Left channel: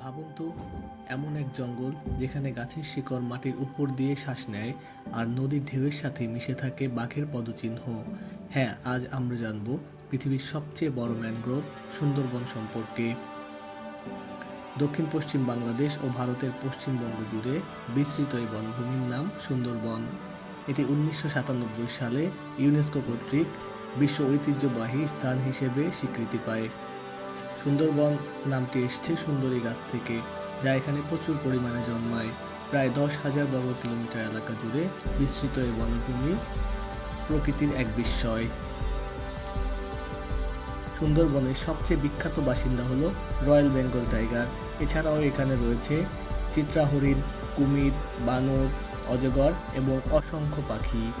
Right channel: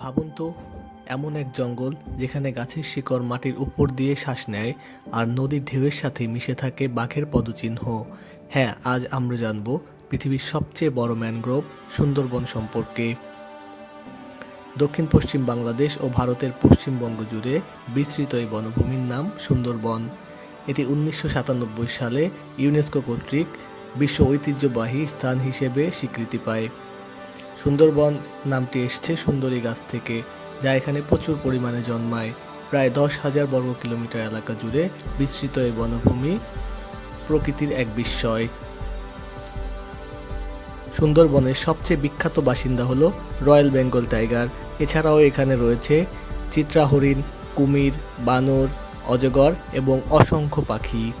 ভাবুন তো, এমন এক জঙ্গল যেখানে গাছের শিকড় মাটির উপর দিয়ে শ্বাস নেয় আর নদীর ঢেউয়ের সাথে মিশে থাকে বাঘের পদচিহ্ন। হ্যাঁ, আজ আমরা জানব পৃথিবীর সবচেয়ে বড় ম্যানগ্রোভ সুন্দরবন সম্পর্কে। দক্ষিণ পশ্চিম বাংলাদেশ ও ভারতের পশ্চিমবঙ্গ জুড়ে বিস্তৃত এই বনভূমির নাম সুন্দরবন। এটি 1997 সালে ইউনেস্কো কর্তৃক বিশ্ব ঐতিহ্যবাহী স্থান হিসেবে স্বীকৃতি পায়। সুন্দরবন নামটি এসছে সুন্দরী গাছ থেকে, যা এখানে প্রচুর পরিমাণে জন্মায়। প্রায় 10,000 বর্গ কিলোমিটার এলাকা জুড়ে বিস্তৃত এই বনভূমি প্রকৃতির এক বিস্ময়। সুন্দরবনের সবচেয়ে বিখ্যাত বাসিন্দা হলো রয়্যাল বেঙ্গল টাইগার। এছাড়াও এখানে রয়েছে চিত্রা হরিণ, কুমির, বানর, অজগর এবং অসংখ্য পাখি।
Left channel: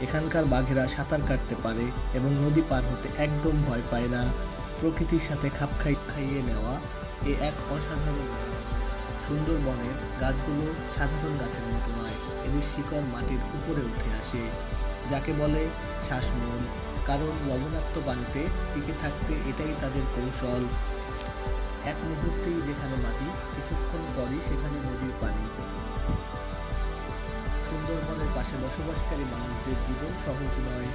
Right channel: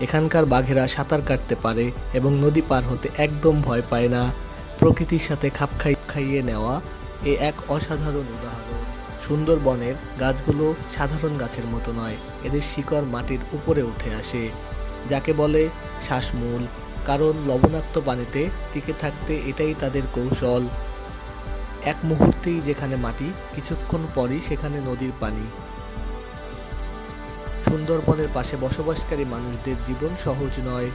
এখানকার বাঘেরা সাঁতার কাটতে পারে এবং নদী পার হতে একদম ভয় পায় না। প্রকৃতির সাথে খাইয়ে নেওয়া এক অসাধারণ উদাহরণ। সুন্দরবনের গাছগুলো সাধারণ গাছের মতো নয়, এদের শিকড় মাটির উপরে উঠে আসে, যাকে বলে শ্বাসমূল। কারণ লবণাক্ত পানিতে টিকে থাকতে এটাই তাদের কৌশল। এক মুহূর্তেই যেখানে মাটি, কিছুক্ষণ পরই সেখানে নদীর পানি। সুন্দরবনের পাশে বসবাসকারী মানুষদের জীবন সহজ নয়।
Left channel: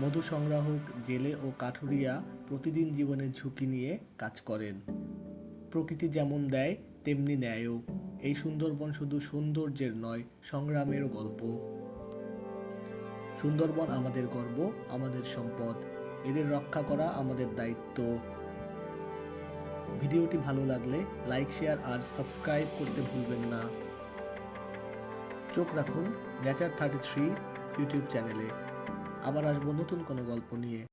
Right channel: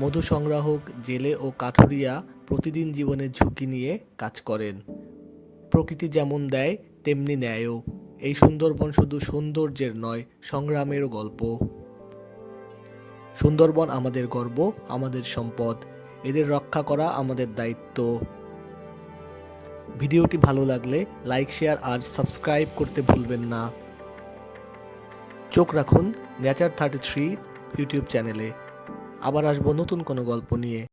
মধু সংগ্রাহক, জেলে ও কাঠুরিয়া প্রতিদিন জীবনের ঝুঁকি নিয়ে কাজ করেন। প্রকৃতি যেমন দেয় তেমনি নেয়ও। এই সুন্দরবন শুধু সৌন্দর্যের নয়, সংগ্রামেরও গল্প। সুন্দরবন আমাদের গর্ব, আমাদের সম্পদ। এদের রক্ষা করা আমাদের দায়িত্ব। ভিডিওটি ভালো লাগলে লাইক, শেয়ার আর সাবস্ক্রাইব করতে ভুলবেন না। চোখ রাখুন নেচার 33 ইউটিউব চ্যানেলে। আবার আসবো নতুন কোনো গল্প নিয়ে।